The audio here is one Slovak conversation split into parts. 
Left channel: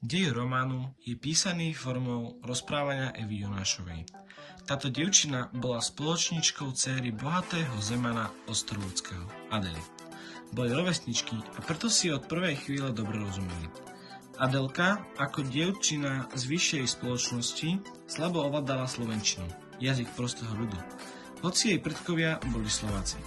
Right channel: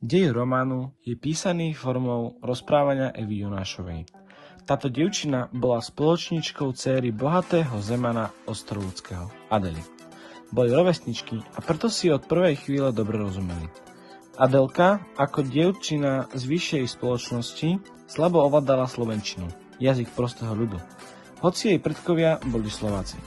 Dej románu je písaný formou rozprávania Evy Jonášovej. Táto dievčina bola spoločníčkou céry bohatého zemana Ostrovúckého, Adely. Boli rovesničky a preto si od prvej chvíle dobre rozumeli. Adelka, ako dievčina z vyššej spoločnosti, slabo ovládala slovenčinu, jazyk prostého ľudu, hoci jej predkovia boli Slováci.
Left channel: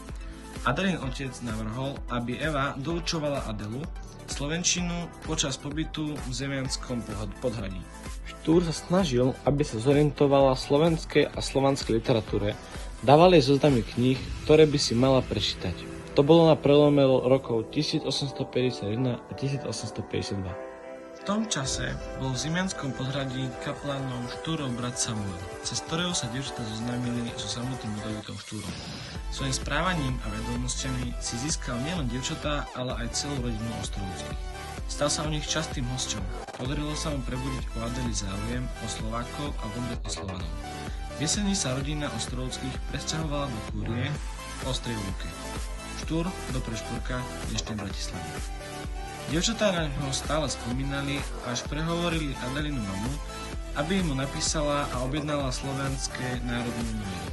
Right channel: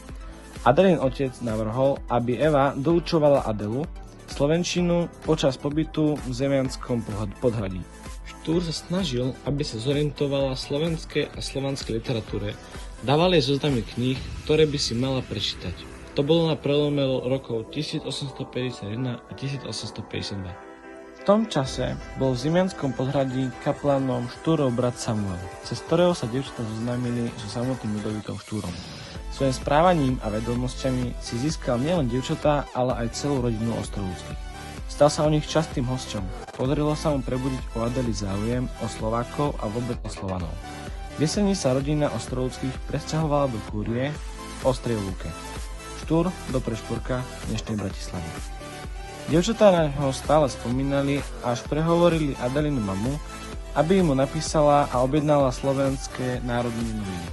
Adelin otec navrhol, aby Eva doučovala Adelu slovenčinu počas pobytu v zemianskom podhradí. Štúr sa snažil, aby sa zorientovala v slovenskej a slovanskej literatúre, dával jej zoznamy kníh, ktoré by si mala prečítať. To bolo na prelome rokov 1851 a 1852. V tom čase bol v zemianskom podhradí kaplanom Štúrov brat Samuel, cez ktorého sa dievčatá zoznámili so samotným Ľudovíkom Štúrom. Svojím správaním a vedomosťami si získal nielen dievčatá, ale aj celú rodinu Ostrovúckych. Stal sa o nich častým hosťom. Podarilo sa mu prebudiť o Adeli záujem o Slovákov a vôbec o Slovanov. V jesení sa rodina Ostrovúckych presťahovala do Kúrie v Ostrej Lúke. Štúr do Prešporka dnešnej Bratislavy. Dievčatá na neho stále spomínali, až prehovorili Adelinu mamu, aby mu napísala a objednala slovenské národné noviny.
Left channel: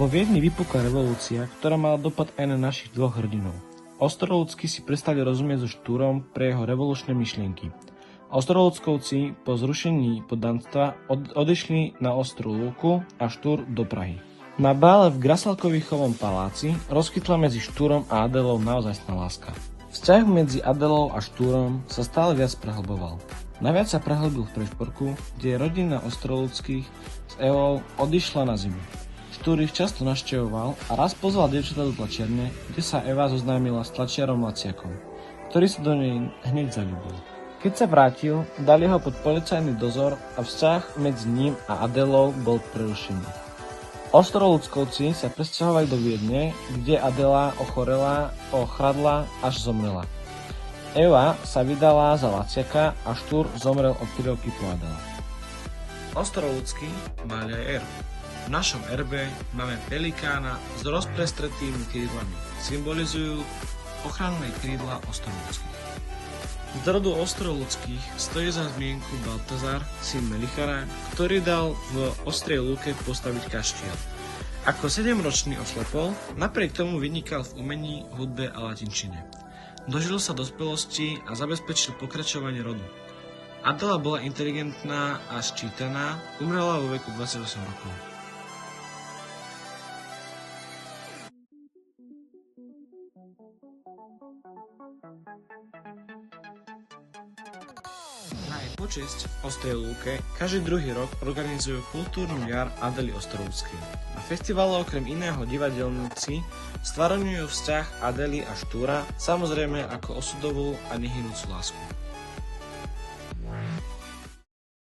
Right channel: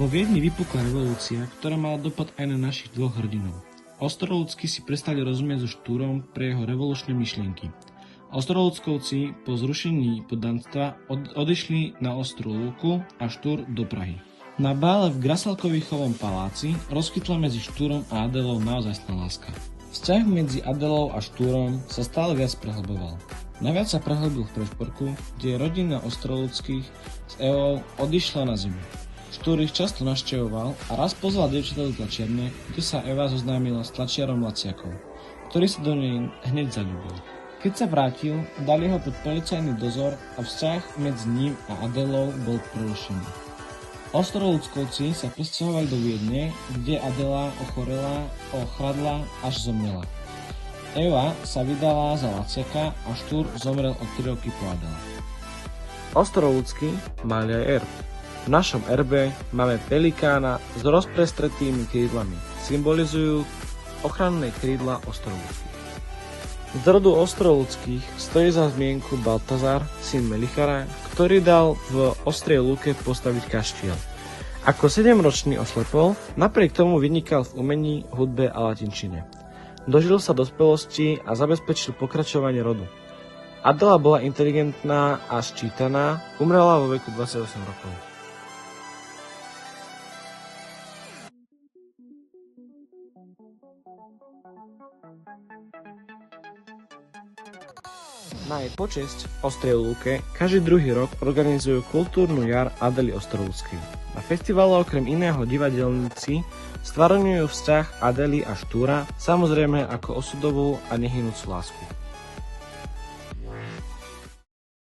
Vo Viedni vypukla revolúcia, ktorá mala dopad aj na našich dvoch hrdinov. Ostrovúcky si prestali rozumieť so Štúrom pre jeho revolučné myšlienky. Ostrovúckovci po zrušení poddanstva odišli na Ostrú Lúku a Štúr do Prahy. Na bále v Grasalkovichovom paláci rozkytla medzi Štúrom a Adelou naozajstná láska. Vzťah medzi Adelou a Štúrom sa stále viac prehlboval. Najviac sa prehlbil v Prešporku, kde rodina Ostrovúckych s Evou odišla na zimu. Štúr ich často navštevoval a raz pozval dievčatá do tlačiarne, kde sa Eva zoznámila s tlačiarom Laciakom, ktorý sa do nej hneď zaľúbil. Keď sa vrátil, dali ho pod policajný dozor a vzťah medzi ním a Adelou bol prerušený. Ostrovúckovci sa presťahovali do Viedne, kde Adela ochorela, ochradla až zomrela. Eva sa vydala za Laciaka a Štúr zomrel o 3 roky po Adele. Ostrovúcky mali aj erb. V našom erbe máme pelikána s rozprestretými krídlami. Symbolizujú ochranné krídla Ostrovúckych. Z rodu Ostrovúckych stojí za zmienku Baltazar, syn Melichara, ktorý dal v Ostrej Lúke postaviť kaštieľ. Ako 7-ročný oslepol, napriek tomu vynikal v umení, hudbe a latinčine. Dožil sa dospelosti a zabezpečil pokračovanie rodu. Adela bola inteligentná a ščítaná, umrela vo veku 28 rokov. Na jej počesť v Ostrej Lúke každý druhý rok organizujú kultúrnu jar Adely Ostrovúckej. Na festivale okrem iného divadelníci stvárňujú vzťah Adely a Štúra, samozrejme ako osudovú a nehynúcu lásku.